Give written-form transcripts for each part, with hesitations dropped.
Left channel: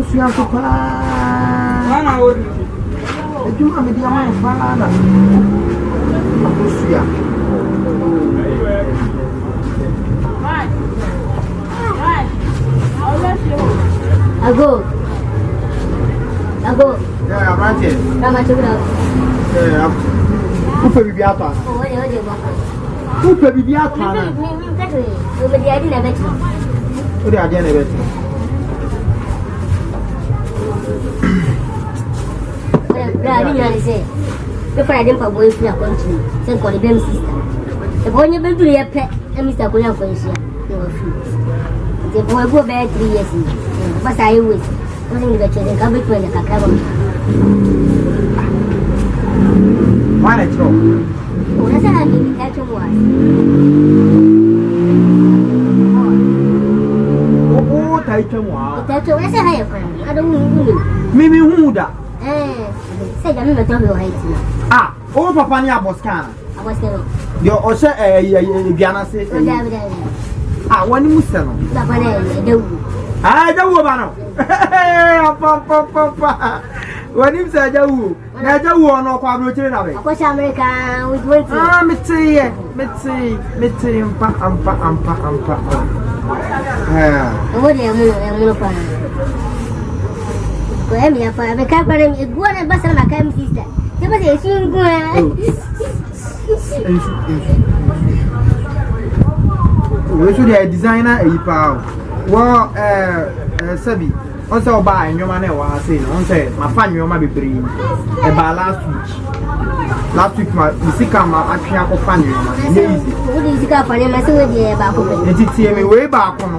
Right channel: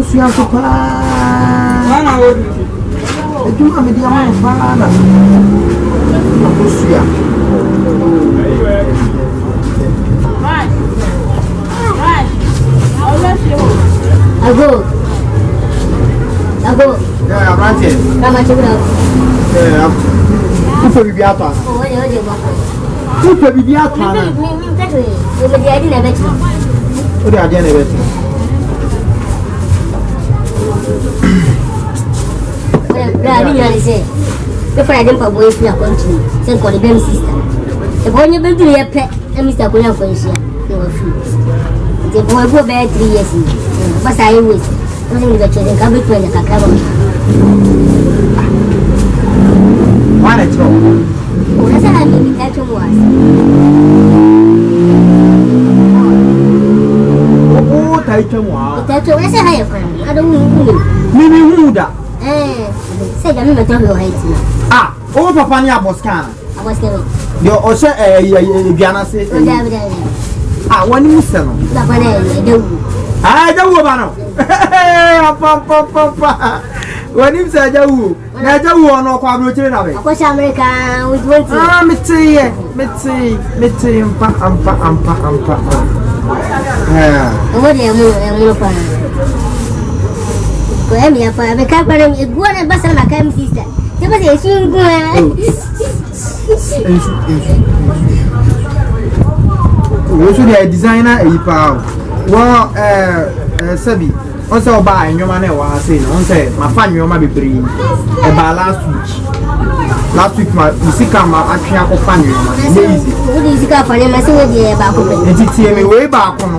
Osuya so pa. Ana wodi. Ejuma me dia man pa na. Osuya. Right. Ago. Yeah, I'm right here. Come on, check it out. Yeah. Who be ato? Oh, oye. Who be ato? Me, exactly. You be there in a bit. Who dey there in a bit? Well, I say. The Friday for boy for country. Say call the baby sister. The boy you been to your pet, and Mr. Koya for share. No food. The boy go back 3 years. But I always. Nothing the children come between the cacao. Why not? That's how I mean, the catch was. Oh, title was. The title was a higher friend. I don't know. Maybe who that? Say, I never told you hate me. Ah, oh, Papa, I was can. I was going. Your Osha, Diana says, ah, one you sell. I don't know. Papa. When you say Jawu, Najawu no quadruple of it. Of course, America with one. Ah, me see, ampa. What do you mean? I'm here for a company. It's one of us and my cam sister. There was a soon go. What should I designer a power? Well, Sabi. Also, buy your money was saying, on say, my fan, you might be bringing about last week. Last week, my SIkA, I can't find you. What is it for him? I said, about it. Way back on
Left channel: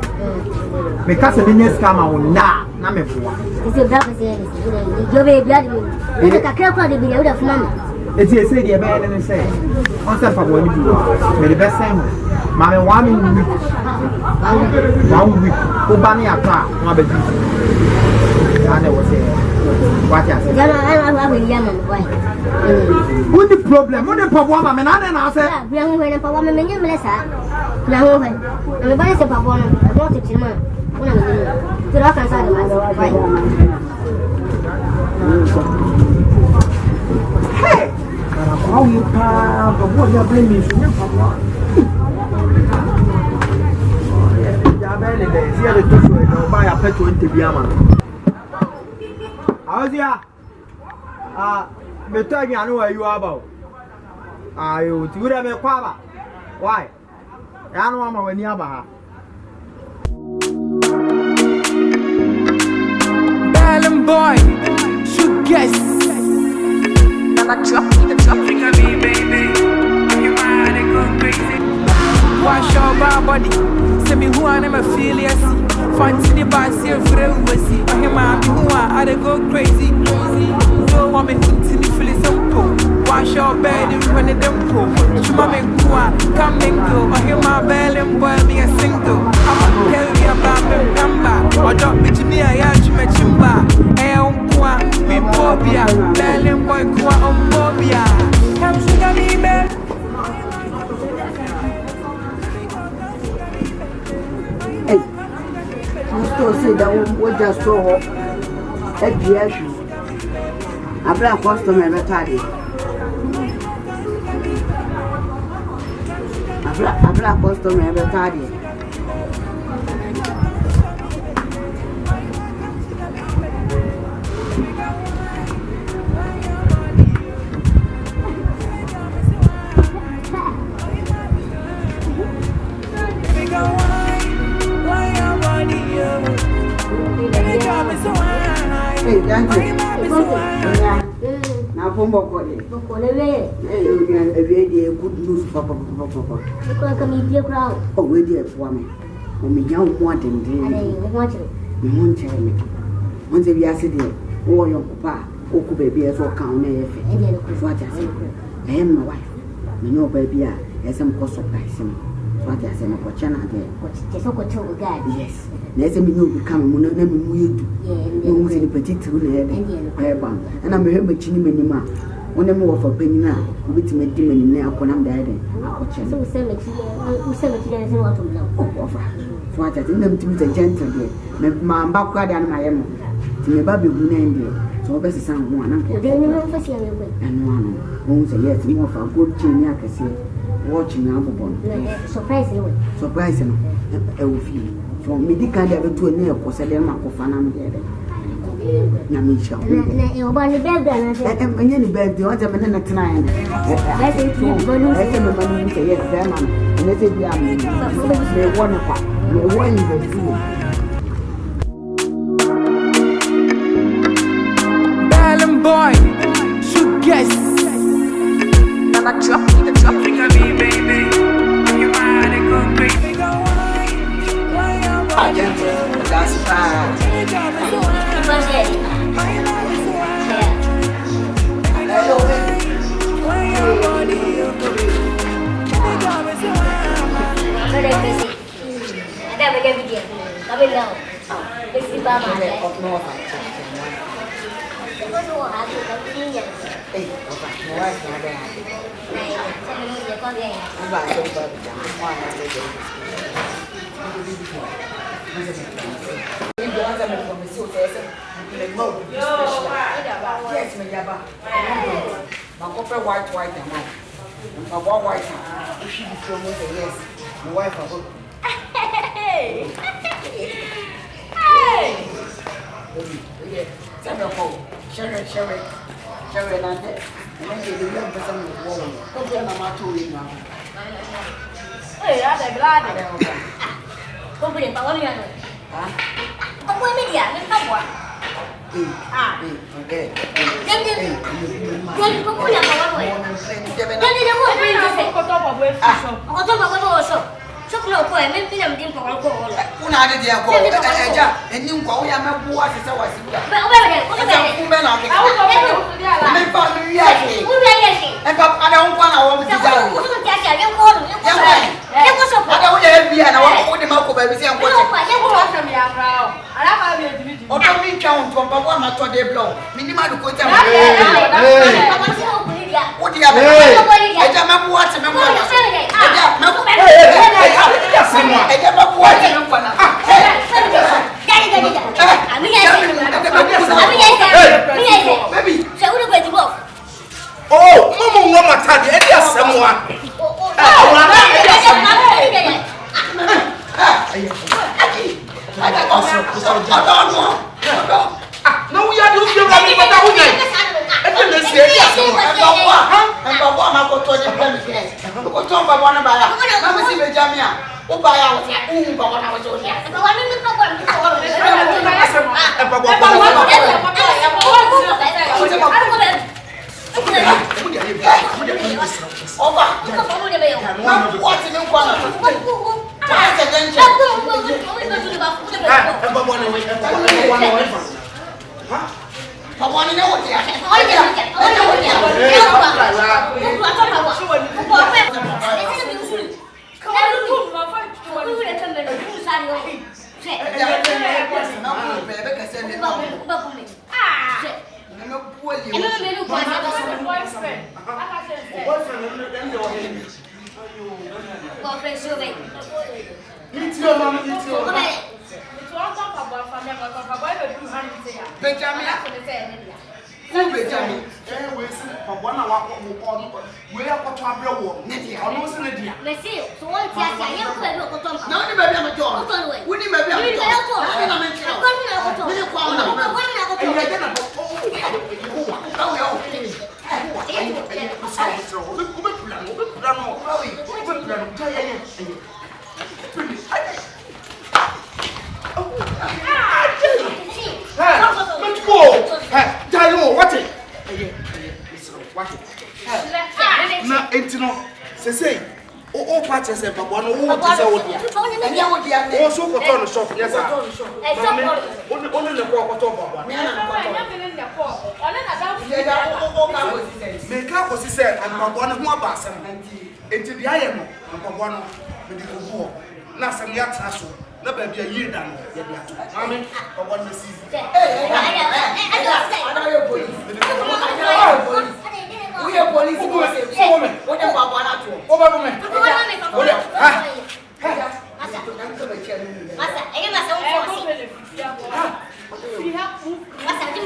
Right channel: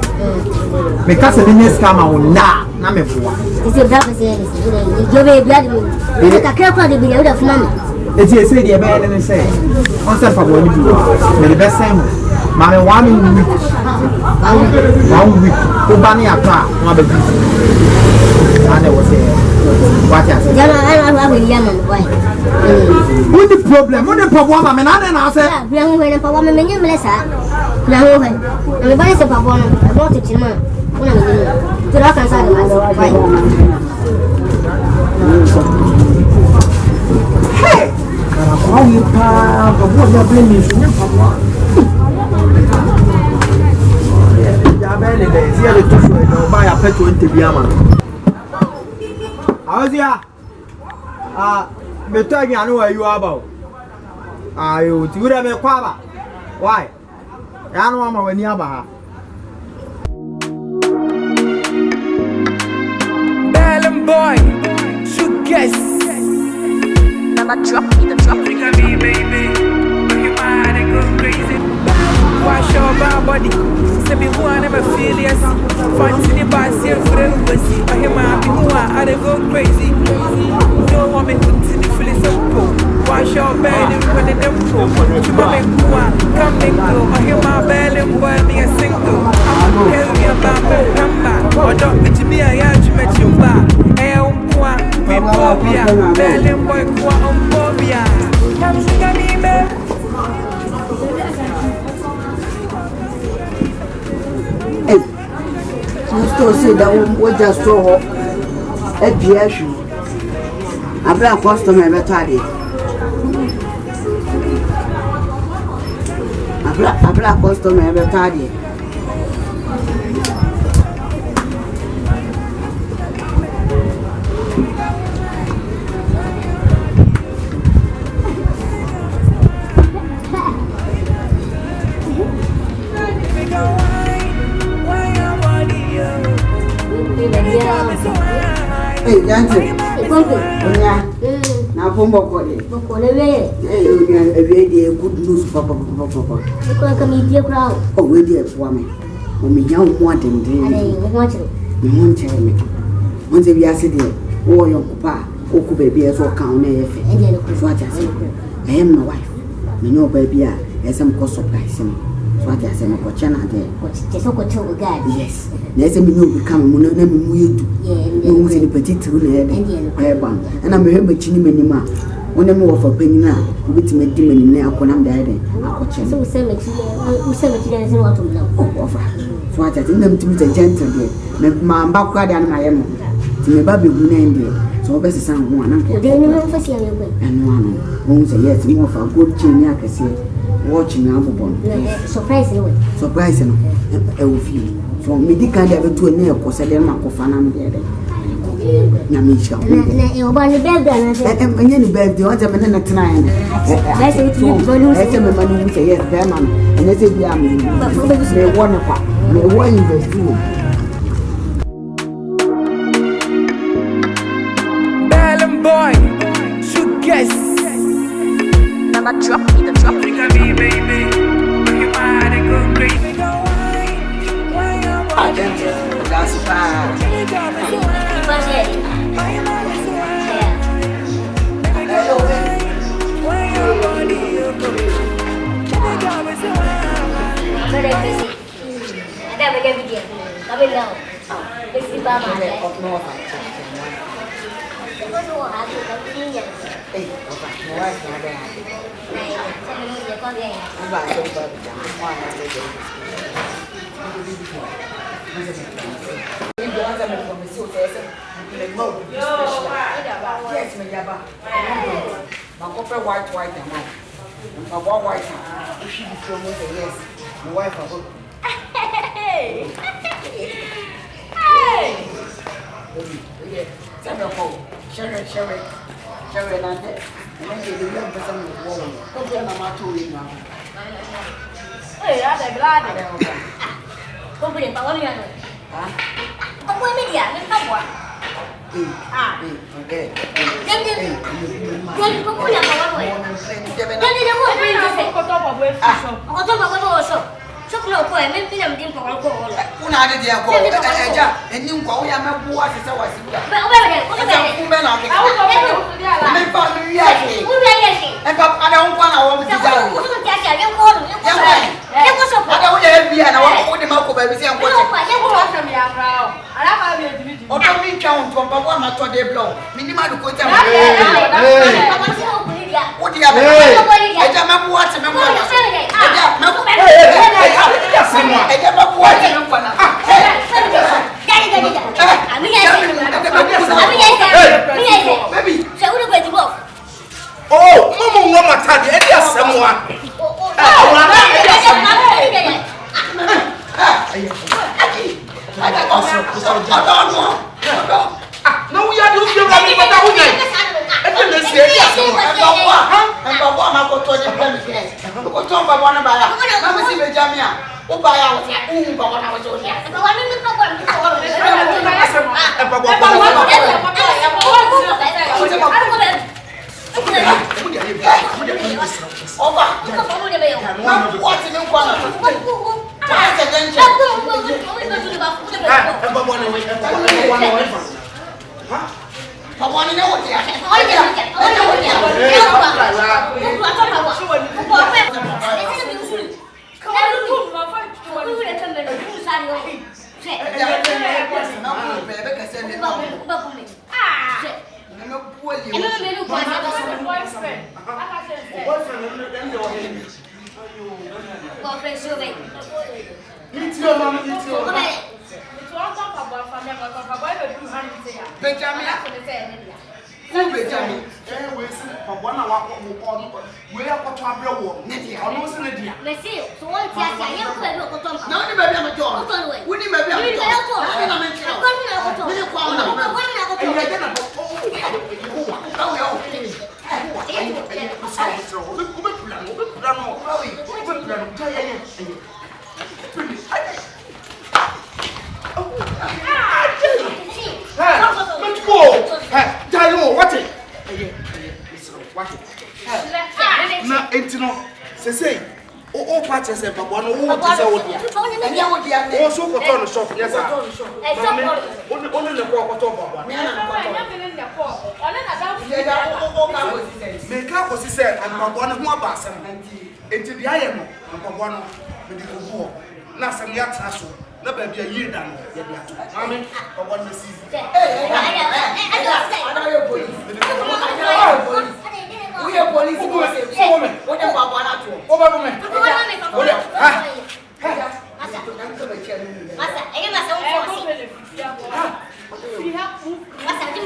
because the news come out now. It's your brother saying, you're very bloody. It's a crap of the video of money. It's a city, a bad and say, on some for what you do. The best thing, Mammy, 1 week. 1 week. Kumbani a car, my baby. And there was a what I said. I have a young boy. What the problem? What the problem? I mean, I said, young women, for women, you bless her. Now, everybody said, I want to chill. To rock and side of fine. Hey! How you proud of what you're blaming? Here to buy a petrol in Tvgh. How's ya? Better I know where you are about. Are you to have a quaba? Why? I don't know when you're about. Boy, should guess. Never drop me the drop. Think of me, baby. You mad, they go crazy. Wash your body. Say me who I never feel yes. Fancy by see for the see. Or him I be who I they go crazy. Don't want me hunting feel simple. Wash your belly when they them pull. Chuma me kwa, come and go. Or him my belly boy me a single. I'ma tell you about me pamba. Or don't bitch me a yacht me chimba. Me phobia, belly boy kwa phobia. Come sugar me babe. You still say that we just saw a PH. A black customer every time. A black customer every time. Why your body, baby, come so high. Now, from Bokoli, every day, good news, Papa. Come in your crowd. Oh, we dear for me. When we young wanting, you won't tell me. Once if you are sitting, oh, your papa, who could be as well count if what I say. I am my wife. Me know, baby, as some cost surprise him. What I say, my channel there. What's just so good to God? Yes. There's a new become one of them. You was in a particular and I'm a member Chinima. When I'm over for penny now, which made demon now when I'm dead. So, 70 years old to know. So I think them to be a gentle day. My backward and my me baby gunende. So best is some one. I'm going to see you. And one won't say yes, more for good chin. I can see watching Alphabon. Surprising. Surprising. I will feel. So me di can't have to a nail because I didn't make a fan of the Namisha. You're born the bed, and any bed, the other man at 9. I said to you, yes, Berman. And they said, yeah, wonderful. Bellum boy, should guess. Now drop me the drop. Think of me, baby. You might go crazy. That's bad. Yes, my yaba. My copper white and white. My white. She be so much yes. My wife a good. Hey! Send a phone. Sherry, and then you love for some woman. Come here, Mamma, to you now. Hey, that's a glad. Company, but what do you know? Huh? What media? Let's go. Ah, okay.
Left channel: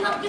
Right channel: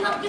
But